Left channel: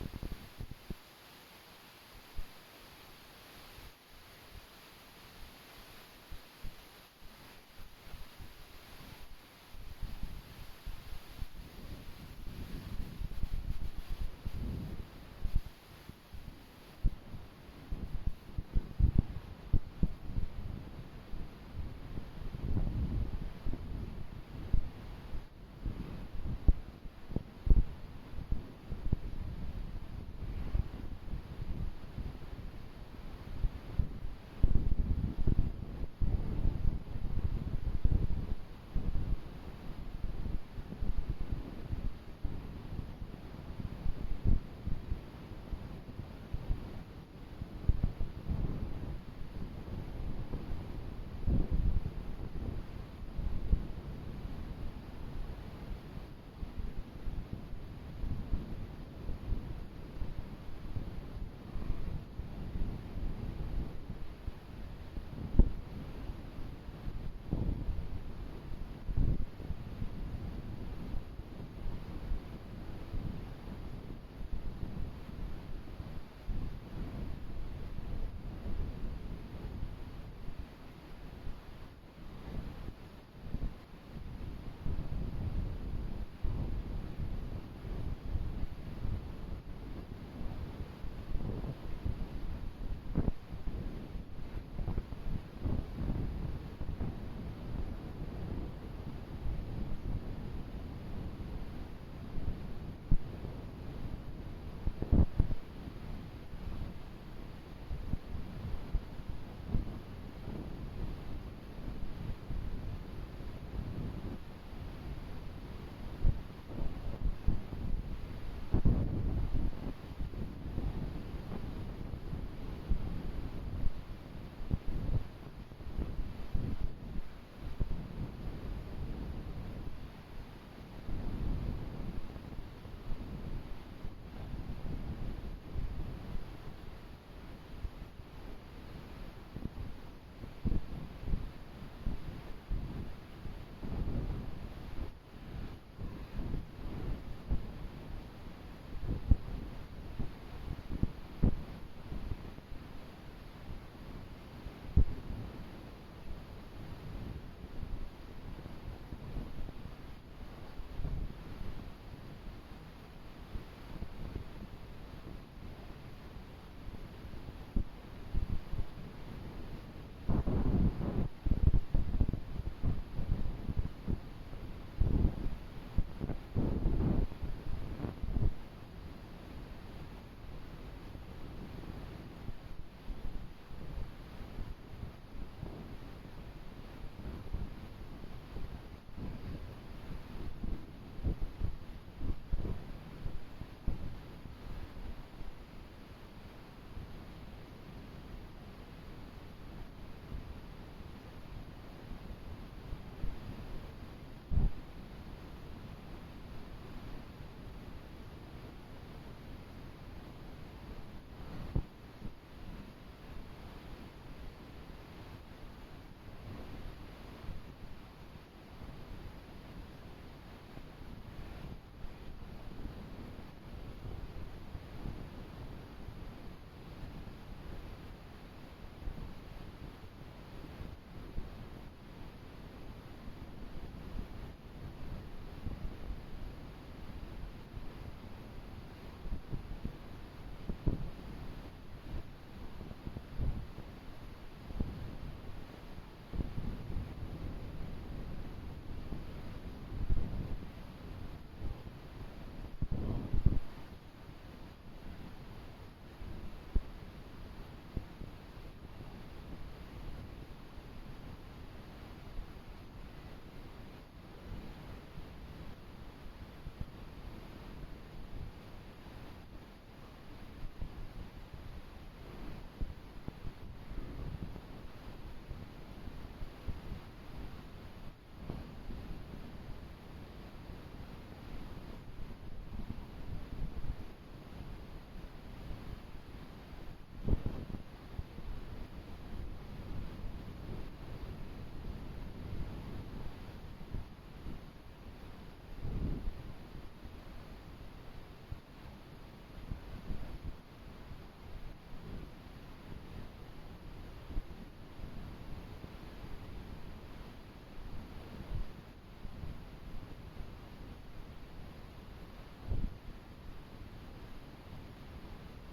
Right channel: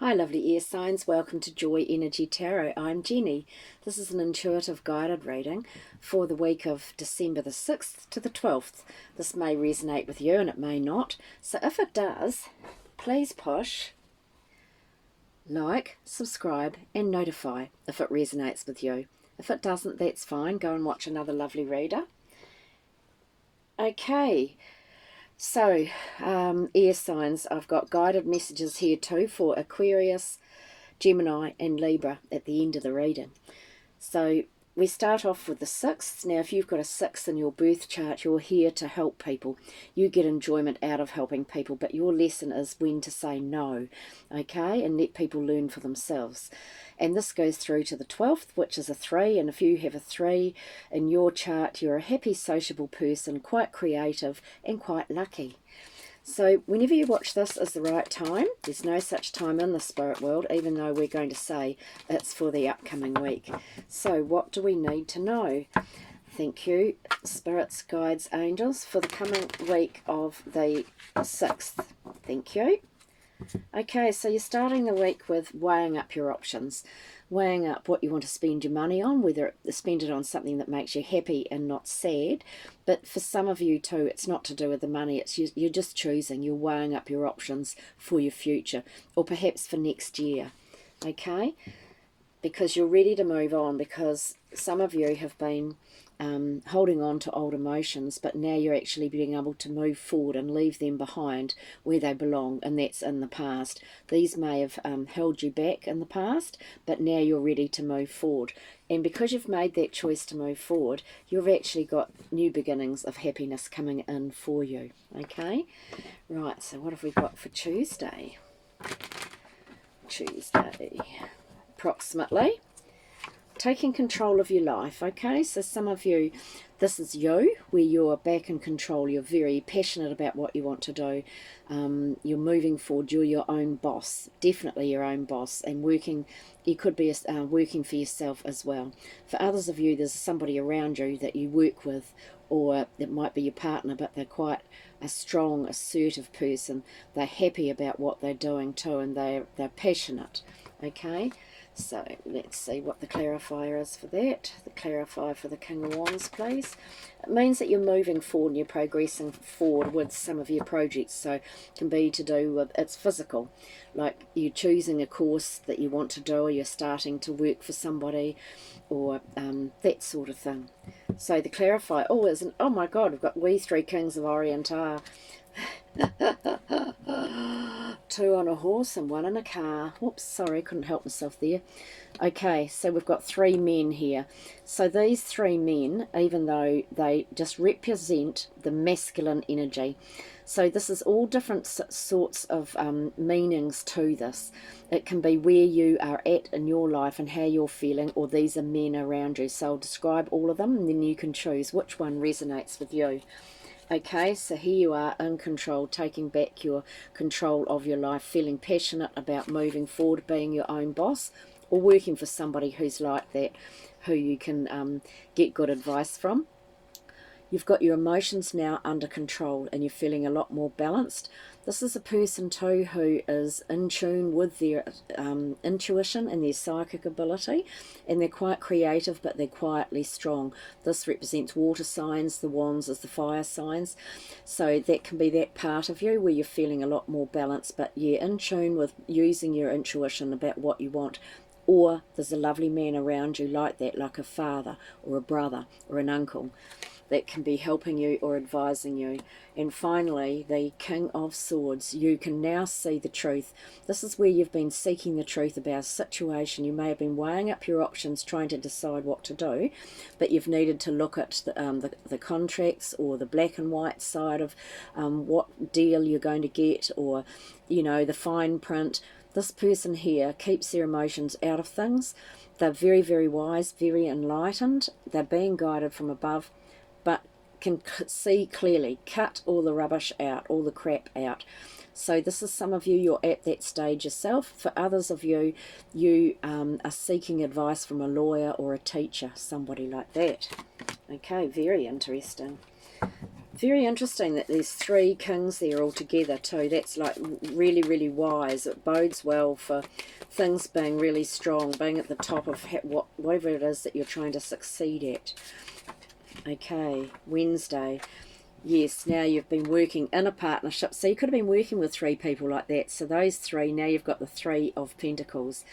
Hi lovely air signs, welcome to Joy Energy Tarot. I'm Jenny. This is an intuitive guided reading for the week of December the 6th to the 12th. This may resonate with you and it may not. So if it does, please push like, subscribe and notify if it resonates with you. If it doesn't, that's fine. Go and watch another lovely reader. Okay. So, air signs, I've got guided messages here too for Aquarius, Gemini and Libra at the end of the reading. So we start off with the 6th. Now if you've got a 6 in your birth chart, you're here to help people. You get enjoyment out of helping people, but your lesson is when to say no, okay, and let people learn for themselves. And this goes through to the 12th, which is a 3, and if you have a 3 in your chart, you're a happy, sociable person, quite creative and quite lucky. So whenever you watch this is the right time. There's no such time in the spirit world, even though we're going to say it's for the upcoming week. So what do we need to know? Thank you, spirits, guides, angels, for the coming week of the 6th. Thank you. Okay, so you're starting the week with weighing up your options, weighing up what you want to spend your money on, whether spend it on something that makes you happy and not sad. But for some of you too, it's not to do with the money, it's you're just choosing, you're weighing up your options for your future, or perhaps for next year, okay? Because you're ready to move on, because some of you have been holding on to old emotions, but now you're actually being able to move forward and leave them behind where they belong, and that's in the past. These may have held you back in the past, but now you're ready to move forward. And because you've made that choice to move forward, you've actually got new beginnings of happiness coming in for you, okay? Right, so what have we got for Tuesday? Approximately. Taking control of your life, okay? So some of you, this is you, where you're back in control. You're very passionate about what you want to do. You're moving forward. You're your own boss, definitely your own boss, and working. You could be working for yourself as well. For others of you, there's somebody around you that you work with, or it might be your partner, but they're quite a strong, assertive person. They're happy about what they're doing too, and they're passionate. Okay, so let's see what the clarifier is for that. The clarifier for the King of Wands, please. It means that you're moving forward and you're progressing forward with some of your projects. So it can be to do with, it's physical, like you're choosing a course that you want to do, or you're starting to work for somebody, or that sort of thing. So the clarifier, oh my god, we've got we 3 Kings of Orient are 2 on a horse and 1 in a car. Whoops, sorry, couldn't help myself there. Okay, so we've got 3 men here. So these 3 men, even though they just represent the masculine energy, so this is all different sorts of meanings to this. It can be where you are at in your life and how you're feeling, or these are men around you. So I'll describe all of them and then you can choose which one resonates with you. Okay, so here you are in control, taking back your control of your life, feeling passionate about moving forward, being your own boss, or working for somebody who's like that, who you can get good advice from. You've got your emotions now under control and you're feeling a lot more balanced. This is a person too who is in tune with their intuition and their psychic ability, and they're quite creative, but they're quietly strong. This represents water signs, the wands is the fire signs, so that can be that part of you where you're feeling a lot more balanced, but you're in tune with using your intuition about what you want. Or there's a lovely man around you like that, like a father or a brother or an uncle, that can be helping you or advising you. And finally, the King of Swords, you can now see the truth. This is where you've been seeking the truth about a situation. You may have been weighing up your options, trying to decide what to do, but you've needed to look at the contracts, or the black and white side of what deal you're going to get, or the fine print. This person here keeps their emotions out of things. They're very, very wise, very enlightened. They're being guided from above, but can see clearly, cut all the rubbish out, all the crap out. So this is some of you, you're at that stage yourself. For others of you, you are seeking advice from a lawyer or a teacher, somebody like that. Okay, very interesting. Very interesting that there's 3 kings there all together too. That's like really, really wise. It bodes well for things being really strong, being at the top of whatever it is that you're trying to succeed at. Okay, Wednesday. Yes, now you've been working in a partnership. So you could have been working with 3 people like that. So those 3, now you've got the 3 of Pentacles.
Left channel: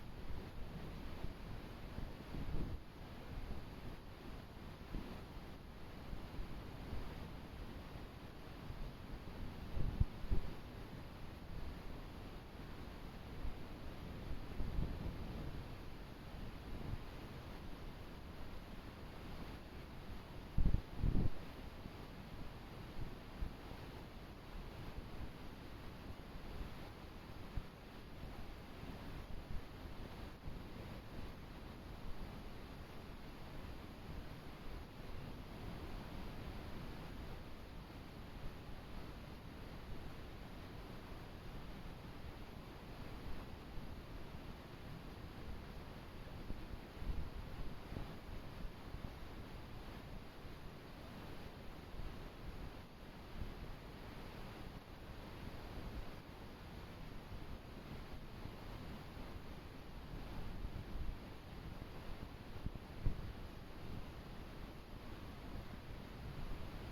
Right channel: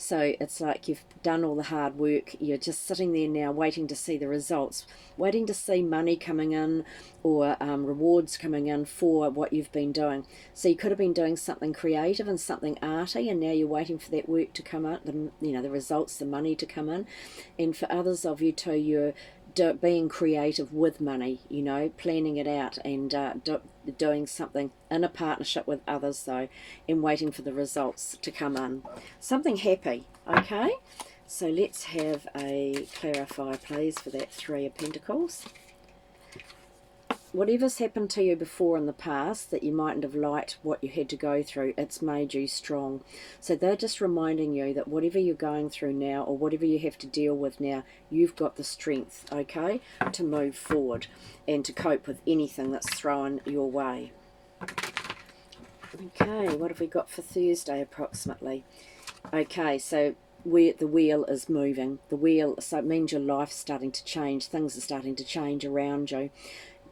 So it's like you've done all the hard work. You're just sitting there now waiting to see the results, waiting to see money coming in or rewards coming in for what you've been doing. So you could have been doing something creative and something arty, and now you're waiting for that work to come out, the results, the money to come in. And for others of you too, you're being creative with money, planning it out and doing something in a partnership with others though, and waiting for the results to come in. Something happy, okay? So let's have a clarify please for that 3 of Pentacles. Whatever's happened to you before in the past that you mightn't have liked what you had to go through, it's made you strong. So they're just reminding you that whatever you're going through now or whatever you have to deal with now, you've got the strength, okay, to move forward and to cope with anything that's thrown your way. Okay, what have we got for Thursday approximately? Okay, so the wheel is moving. The wheel, so it means your life's starting to change. Things are starting to change around you.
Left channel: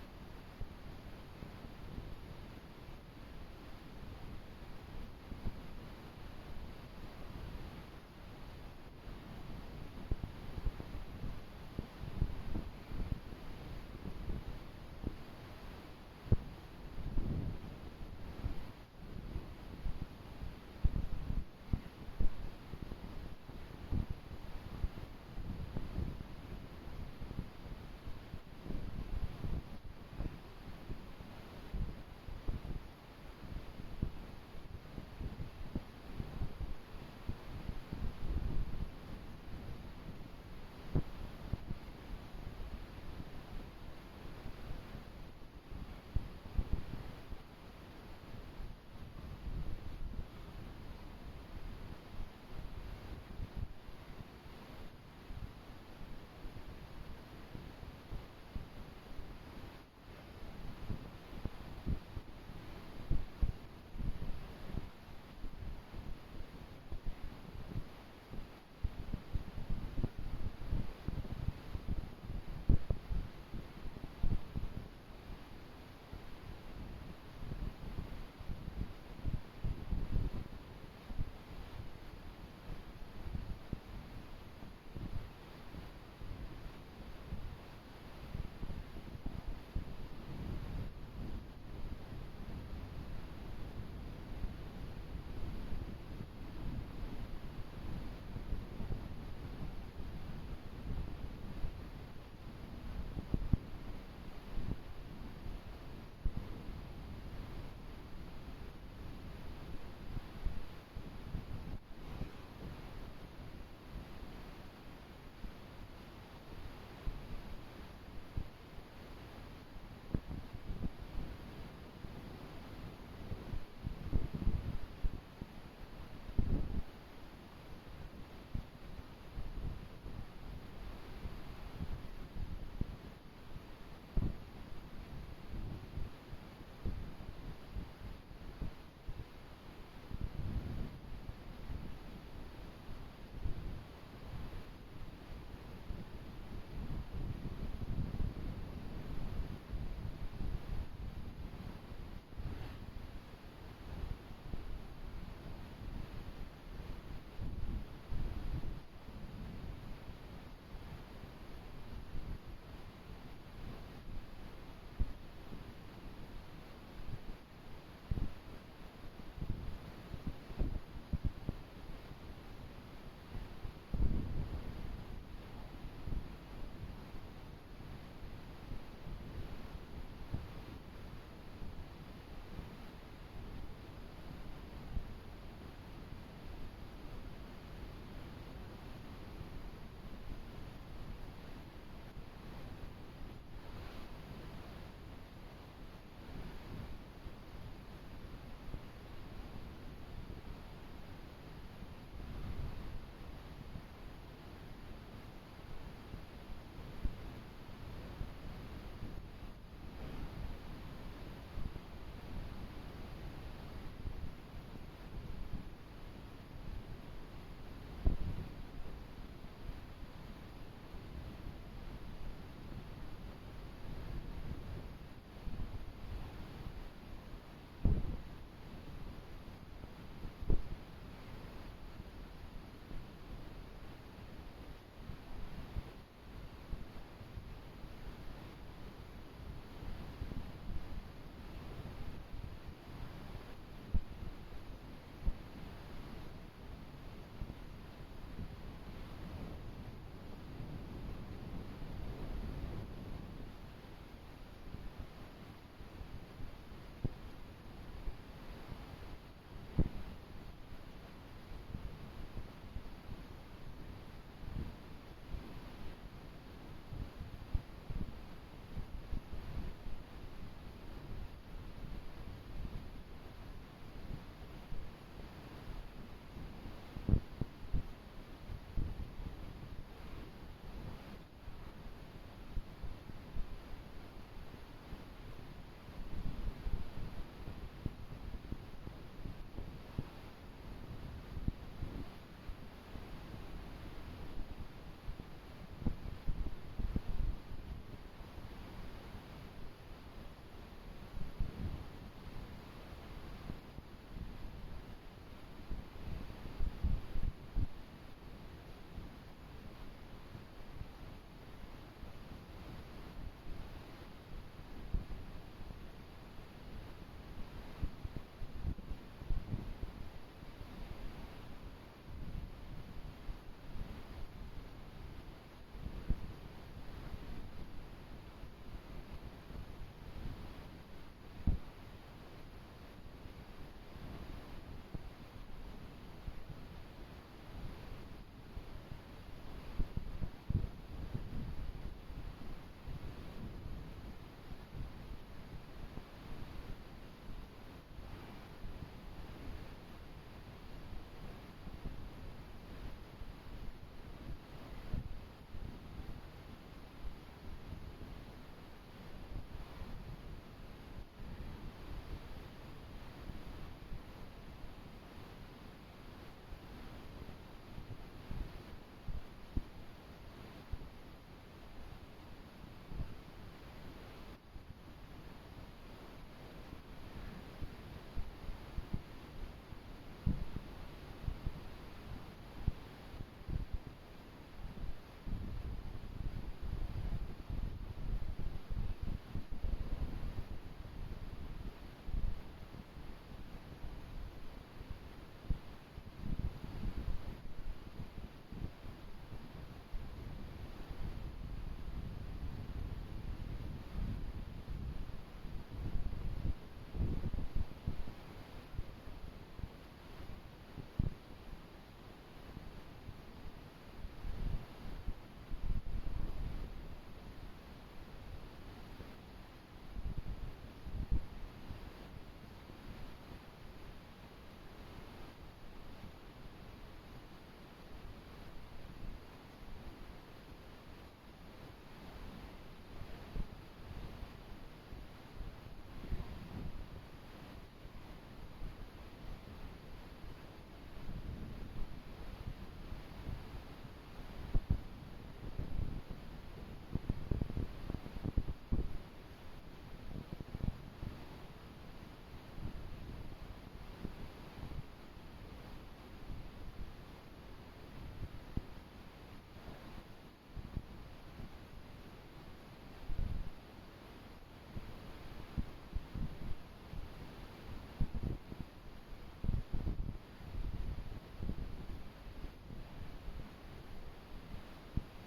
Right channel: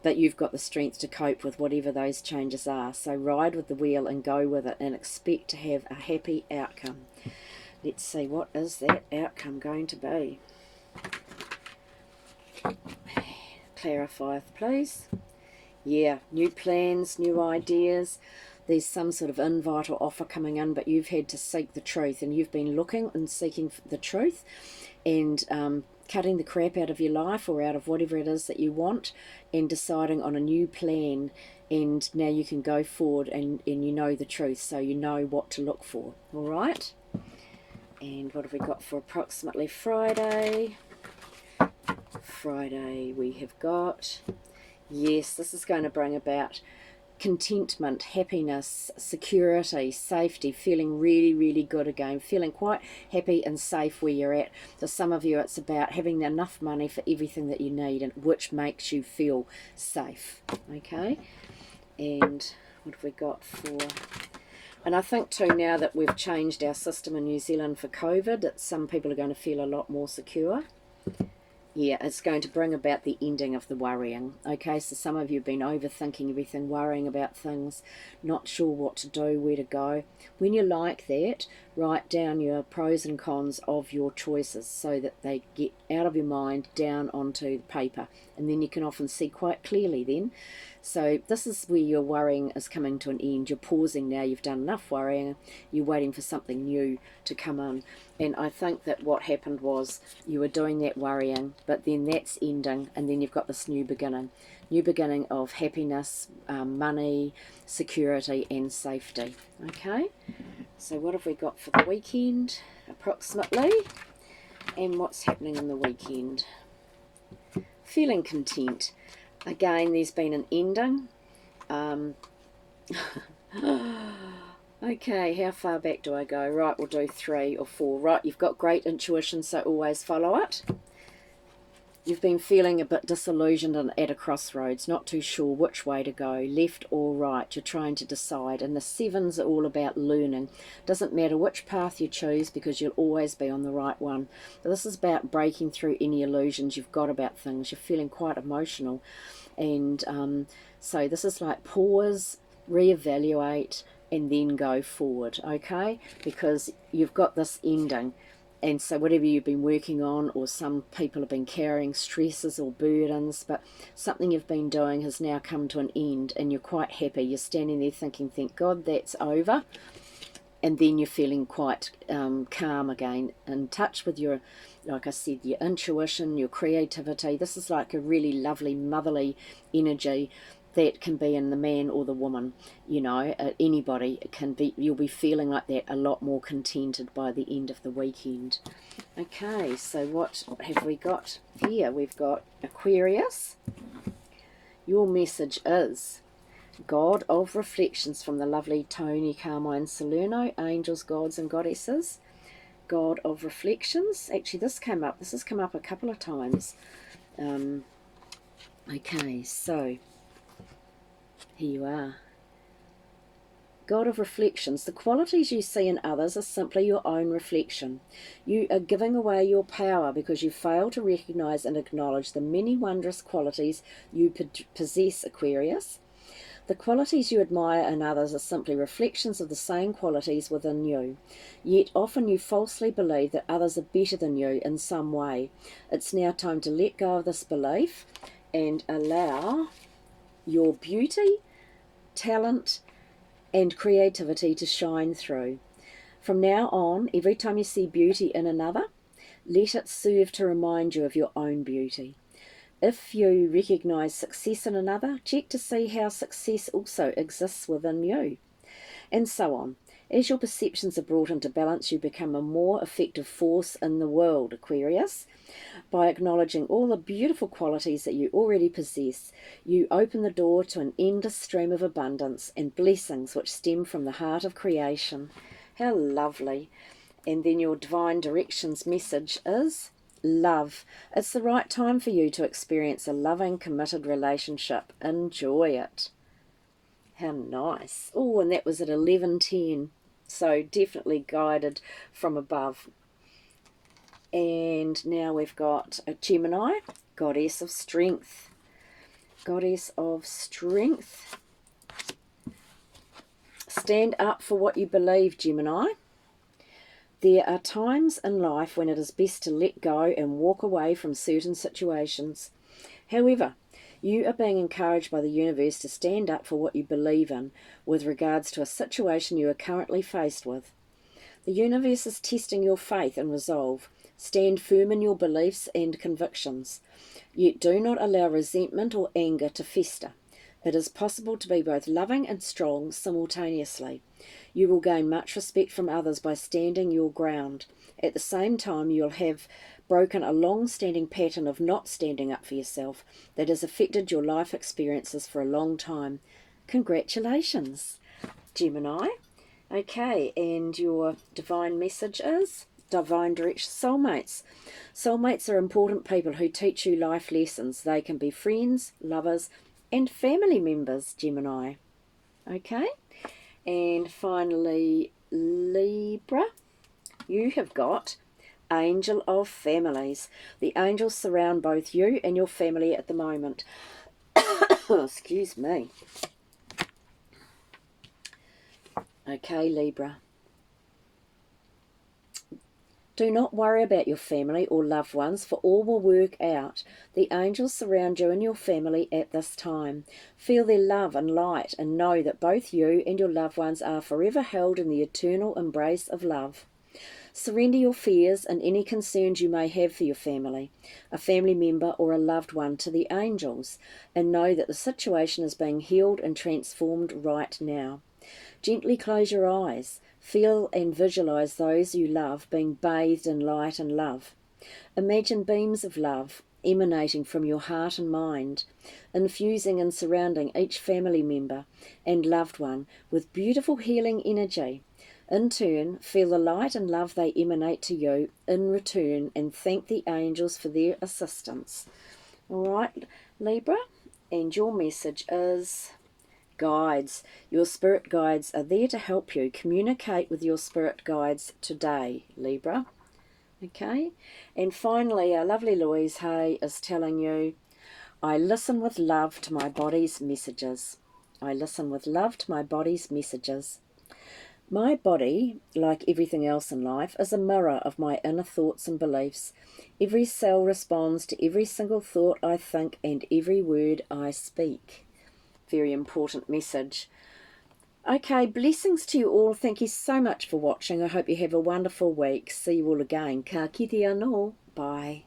But you've got the strength to cope with whatever those changes are. So ride with the wheel and go with it and expect to have a happy outcome. Let's see, what is that outcome going to be? Clarify, please. Yeah, new plans, new ideas. There's some sort of invite or offer coming in, but you've had to seek the truth, and you've been looking and seeking the truth and cutting the crap out of your life or out of whatever it is that you want, and deciding on a new plan, and now you can go forward and you know the truth, so you know what to look for. All right, and what have we got for approximately Friday? Friday we have got, yes, this is going to bring about contentment, happiness, security, safety, feeling really, really good again, feeling quite happy and safe where you're at. For some of you, it's about having enough money for everything that you need, and which makes you feel safe. Okay, and what have we got for? And I think too, now that we've changed our system in New Zealand for COVID, that some people are going to feel a lot more secure. Yeah, it's going to bring about the ending of the worrying. Okay, so some of you have been overthinking everything, worrying about things, not sure what to do, where to go. When you're like that, write down your pros and cons of your choices so that they get out of your mind down onto paper, and then you can often see quite clearly then. So this is where your worrying is coming to an end. You're pausing now, you've done enough worrying, you're waiting for something new to come in. And I think that what happened was you were doing that worrying, but then that's ending, and then you've got this new beginning of happiness, money, security and safety. Okay, so what have we got for the weekend approximately, and what's happening in the weekend? Feeling content. Again, there's been an ending. Okay, how far back do I go? Right, we'll do 3 or 4. Right, you've got great intuition, so always follow it. You've been feeling a bit disillusioned and at a crossroads, not too sure which way to go, left or right. You're trying to decide, and the 7s are all about learning. Doesn't matter which path you choose, because you'll always be on the right one. But this is about breaking through any illusions you've got about things. You're feeling quite emotional, and so this is like pause, reevaluate, and then go forward, okay? Because you've got this ending, and so whatever you've been working on, or some people have been carrying stresses or burdens, but something you've been doing has now come to an end, and you're quite happy. You're standing there thinking, thank God that's over, and then you're feeling quite calm again, in touch with your, like I said, your intuition, your creativity. This is like a really lovely motherly energy that can be in the man or the woman, anybody can be. You'll be feeling like that, a lot more contented by the end of the weekend. Okay, so what have we got here? We've got Aquarius. Your message is God of Reflections from the lovely Tony Carmine Salerno, Angels, Gods and Goddesses. God of Reflections. Actually, this has come up a couple of times. Okay, so Here you are. God of reflections. The qualities you see in others are simply your own reflection. You are giving away your power because you fail to recognize and acknowledge the many wondrous qualities you possess, Aquarius. The qualities you admire in others are simply reflections of the same qualities within you. Yet often you falsely believe that others are better than you in some way. It's now time to let go of this belief and allow your beauty, talent, and creativity to shine through. From now on, every time you see beauty in another, let it serve to remind you of your own beauty. If you recognise success in another, check to see how success also exists within you, and so on. As your perceptions are brought into balance, you become a more effective force in the world, Aquarius. By acknowledging all the beautiful qualities that you already possess, you open the door to an endless stream of abundance and blessings which stem from the heart of creation. How lovely. And then your divine directions message is love. It's the right time for you to experience a loving, committed relationship. Enjoy it. How nice. Oh, and that was at 11:10. So definitely guided from above. And now we've got a Gemini, Goddess of Strength. Goddess of Strength. Stand up for what you believe, Gemini. There are times in life when it is best to let go and walk away from certain situations. However, you are being encouraged by the universe to stand up for what you believe in with regards to a situation you are currently faced with. The universe is testing your faith and resolve. Stand firm in your beliefs and convictions. Yet do not allow resentment or anger to fester. It is possible to be both loving and strong simultaneously. You will gain much respect from others by standing your ground. At the same time, you'll have broken a long-standing pattern of not standing up for yourself that has affected your life experiences for a long time. Congratulations, Gemini. Okay, and your divine message is divine direction. Soulmates. Soulmates are important people who teach you life lessons. They can be friends, lovers, and family members, Gemini. Okay, and finally, Libra. You have got Angel of Families. The angels surround both you and your family at the moment. Excuse me. Okay, Libra. Do not worry about your family or loved ones, for all will work out. The angels surround you and your family at this time. Feel their love and light and know that both you and your loved ones are forever held in the eternal embrace of love. Surrender your fears and any concerns you may have for your family, a family member or a loved one to the angels, and know that the situation is being healed and transformed right now. Gently close your eyes. Feel and visualize those you love being bathed in light and love. Imagine beams of love emanating from your heart and mind, infusing and surrounding each family member and loved one with beautiful healing energy. In turn, feel the light and love they emanate to you in return and thank the angels for their assistance. Alright, Libra, and your message is guides. Your spirit guides are there to help you. Communicate with your spirit guides today, Libra. Okay, and finally, our lovely Louise Hay is telling you, I listen with love to my body's messages. I listen with love to my body's messages. My body, like everything else in life, is a mirror of my inner thoughts and beliefs. Every cell responds to every single thought I think and every word I speak. Very important message. Okay, blessings to you all. Thank you so much for watching. I hope you have a wonderful week. See you all again. Ka kite anō. Bye.